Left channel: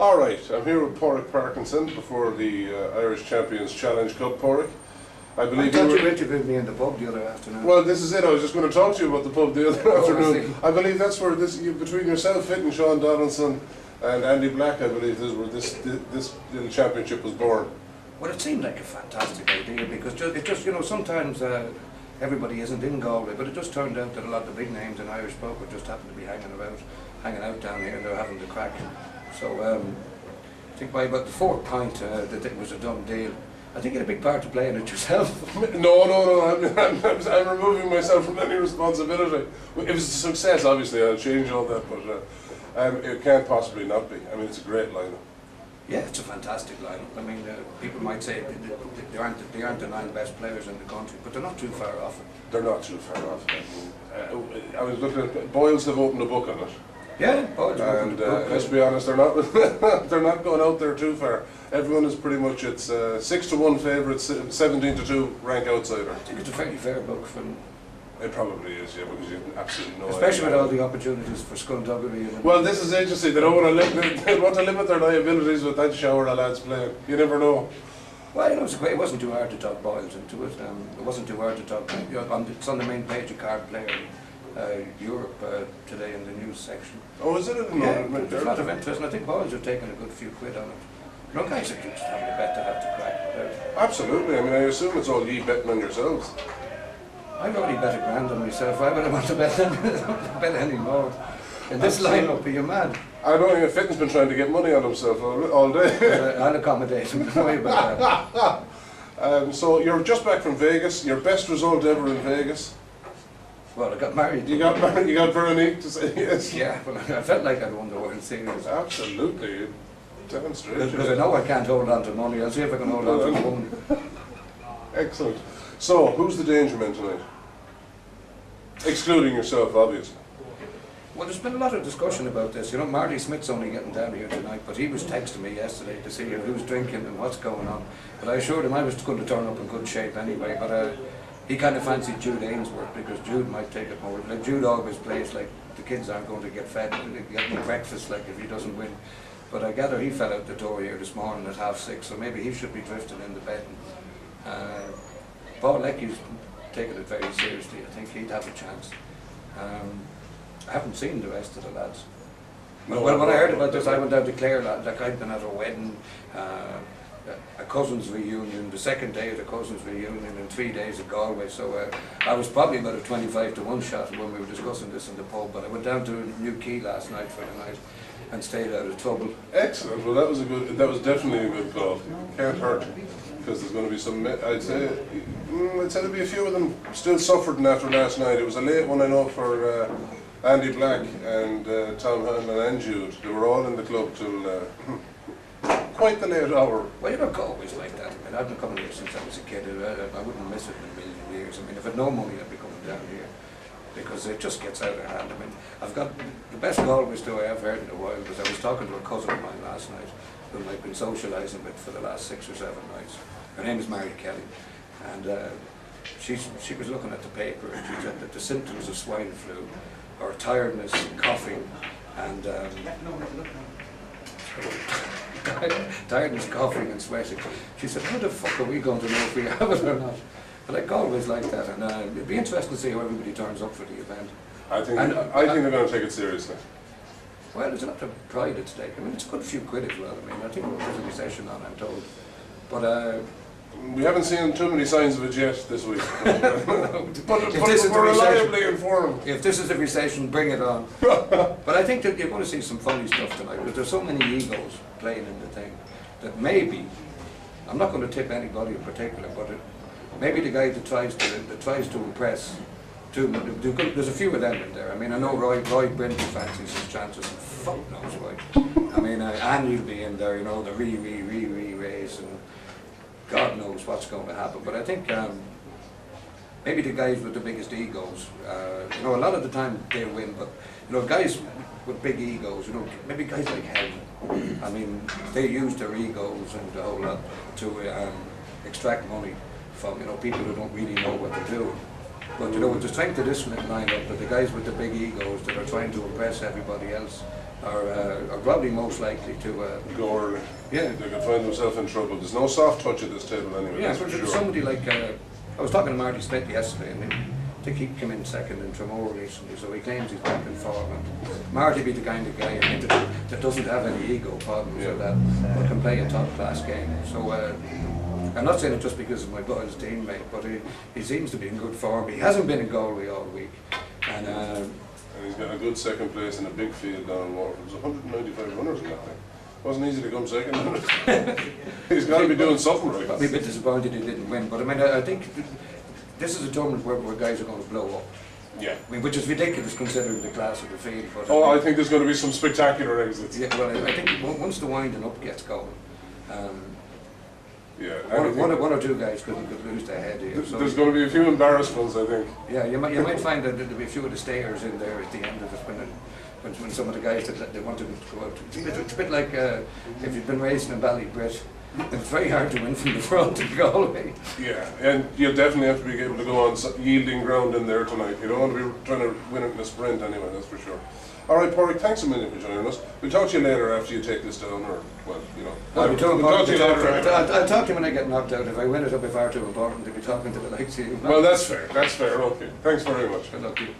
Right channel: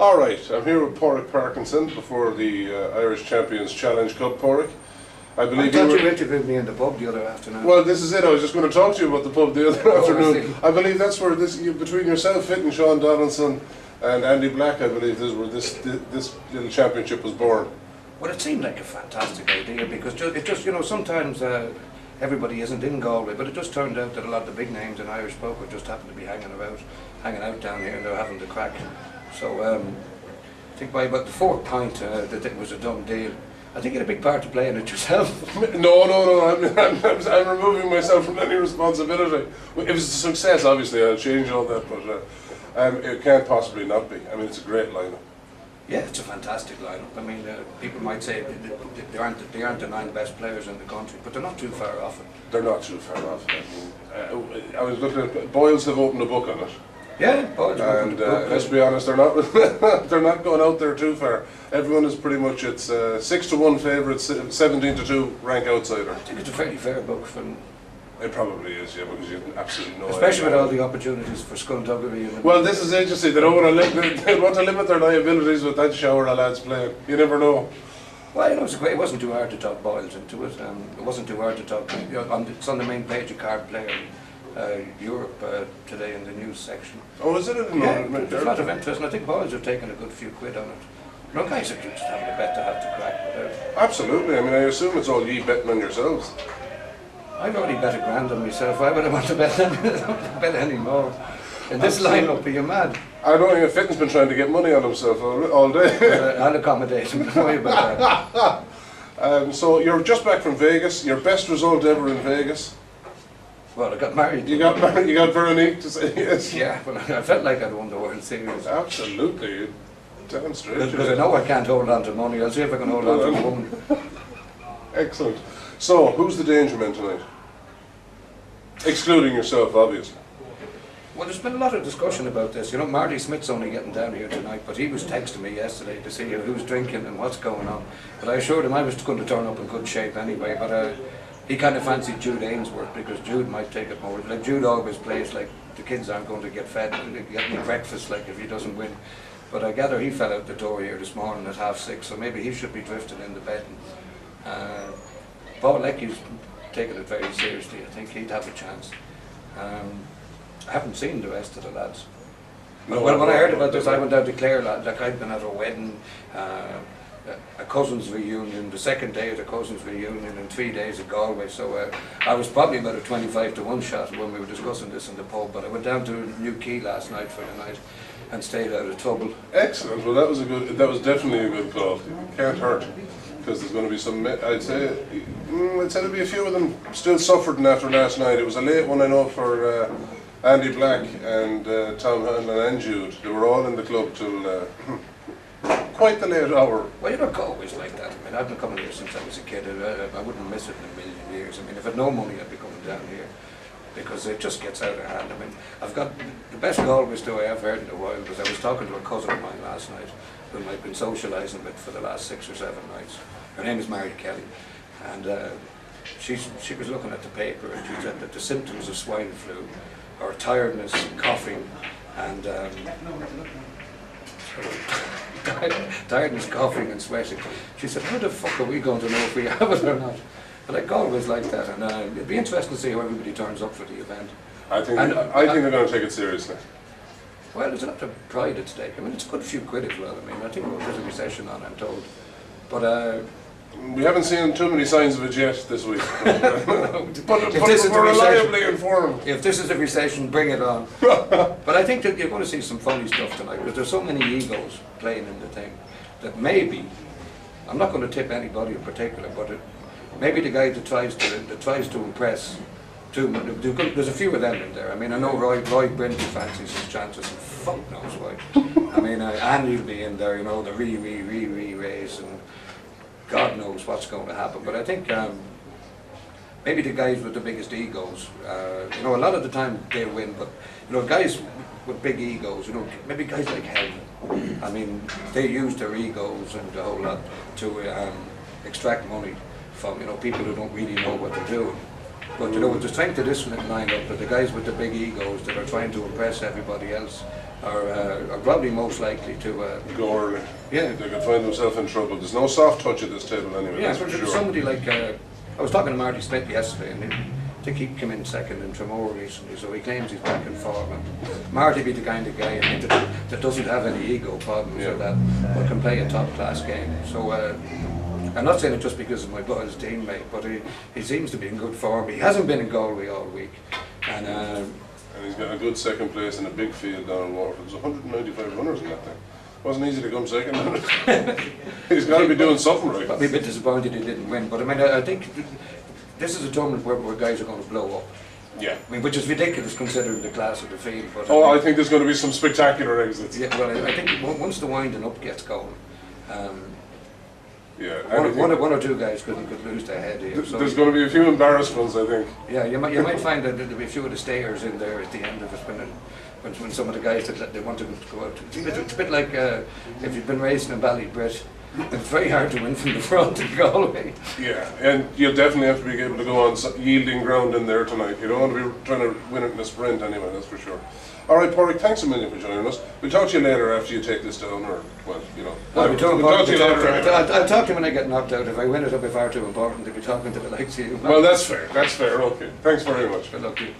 All right, I'm here with Padraig Parkinson before the Irish Champions Challenge Cup. Padraig, I believe you interviewed me in the pub the other afternoon. Well, this is it. I was just going to talk to you about the pub the other afternoon. I believe that's where between yourself, Fit, and Sean Donaldson and Andy Black, I believe this is where this little championship was born. Well, it seemed like a fantastic idea because it just sometimes everybody isn't in Galway, but it just turned out that a lot of the big names in Irish poker just happened to be hanging out down here, and they're having the crack. So I think by about the fourth pint that it was a done deal. I think you had a big part to play in it yourself. No. I'm removing myself from any responsibility. It was a success, obviously. I'll change all that, but it can't possibly not be. I mean, it's a great lineup. Yeah, it's a fantastic lineup. I mean, people might say they aren't the 9 best players in the country, but they're not too far off it. They're not too far off it. I was looking at Boyles have opened a book on it. Yeah, Boyles. And let's be honest, they're not they're not going out there too far. Everyone is pretty much 6-1 favourites, 17-2 rank outsider. I think it's a fairly fair book for them. It probably is, yeah, because you have absolutely no Especially idea. with all the opportunities for skullduggery. Well, this is agency. They don't want to they want to limit their liabilities with that shower of lads playing. You never know. Well, it wasn't too hard to talk Boyles into it. It wasn't too hard to talk. It's on the main page of Card Player Europe today in the news section. Oh, is it? Yeah, there's a lot of interest, and I think Boyles have taken a good few quid on it. No guys are just having a bet to have to crack. Absolutely. I mean, I assume it's all ye betting on yourselves. I've already bet $1,000 on myself. Why would I want to bet any more? In this lineup, are you mad? I don't think Fitton's been trying to get money on himself all day. I'll accommodate him. Don't worry about that. So you're just back from Vegas. Your best result ever in Vegas. Well, I got married. You got married. You got Veronique to say yes. Yeah, well, I felt like I'd won the World Series. Absolutely, damn straight. Because I know I can't hold on to money. I'll see if I can hold on to a woman. Excellent. So, who's the danger man tonight? Excluding yourself, obviously. Well, there's been a lot of discussion about this. You know, Marty Smith's only getting down here tonight, but he was texting me yesterday to see who's drinking and what's going on. But I assured him I was going to turn up in good shape anyway, but he kind of fancied Jude Ainsworth because Jude might take it more. Like, Jude always plays like the kids aren't going to get fed, get any breakfast like if he doesn't win. But I gather he fell out the door here this morning at 6:30, so maybe he should be drifting in the bed. Paul Leckie's taking it very seriously. I think he'd have a chance. I haven't seen the rest of the lads. No, well, when I heard about this, I went down to Clare. Like, I'd been at a wedding, a cousin's reunion, the second day of the cousin's reunion, and 3 days at Galway. So I was probably about a 25-1 shot when we were discussing this in the pub. But I went down to New Quay last night for the night and stayed out of trouble. Excellent. Well, that was definitely a good call. Can't hurt. Because there's going to be some, I'd say there'll be a few of them still suffering after last night. It was a late one, I know, for Andy Black and Tom Hanlon and Jude. They were all in the club till quite the late hour. Well, you're not always like that. I mean, I've been coming here since I was a kid. I wouldn't miss it in a million years. I mean, if I had no money, I'd be coming down here because it just gets out of hand. I mean, I've got the best Galway story I've heard in a while was I was talking to a cousin of mine last night whom I've been socialising with for the last 6 or 7 nights. Her name is Mary Kelly, and she was looking at the paper, and she said that the symptoms of swine flu are tiredness, coughing, and tiredness, coughing, and sweating. She said, "How the fuck are we going to know if we have it or not?" But like Galway's like that, and it'd be interesting to see how everybody turns up for the event. I think they're going to take it seriously. Well, there's a lot of pride at stake. I mean, it's a good few quid as well. I mean, I think there's a recession on, I'm told. But we haven't seen too many signs of it yet this week. but we're reliably informed. If this is a recession, bring it on. But I think that you're going to see some funny stuff tonight because there's so many egos playing in the thing that maybe, I'm not going to tip anybody in particular, but maybe the guy that tries to impress. There's a few of them in there. I mean, I know Roy Brinton fancies his chances, and fuck knows why. I mean, Andy will be in there, you know, the race, and God knows what's going to happen. But I think maybe the guys with the biggest egos, you know, a lot of the time they win, but, you know, guys with big egos, you know, maybe guys like Helm, I mean, they use their egos and the whole lot to extract money from, you know, people who don't really know what they're doing. But, you know, with the strength of this lineup, that the guys with the big egos that are trying to impress everybody else, are probably most likely to. Go early. Yeah. They could find themselves in trouble. There's no soft touch at this table anyway. Yeah, that's but for sure. somebody like I was talking to Marty Smith yesterday, and I think he came in second in Tremor recently, so he claims he's back in form. And Marty be the kind of guy that doesn't have any ego problems or that, but can play a top class game. So I'm not saying it just because of my boy's teammate, but he seems to be in good form. He hasn't been in Galway all week, and he's got a good second place in a big field down in Waterford. There's 195 runners in that thing. Wasn't easy to come second. He's got to be doing something right. I'd be a bit disappointed he didn't win, but I mean, I think this is a tournament where guys are going to blow up. Yeah. I mean, which is ridiculous considering the class of the field. But I think there's going to be some spectacular exits. Yeah, well, I think once the winding up gets going, one or two guys could lose their head here. So there's going to be a few embarrassments, I think. Yeah, you might find that there'll be a few of the stayers in there at the end of it when some of the guys that they want to go out. It's a bit like if you've been racing in Ballybrit. It's very hard to win from the front in Galway. Yeah, and you'll definitely have to be able to go on yielding ground in there tonight. You don't want to be trying to win it in a sprint anyway, that's for sure. All right, Padraig, thanks a million for joining us. We'll talk to you later after you take this down, or, well, you know. I'll We'll talk to you later anyway. I'll talk to you when I get knocked out. If I win it, it'll be far too important to be talking to the likes of you. Well, that's fair, okay. Thanks very much. Good luck to you.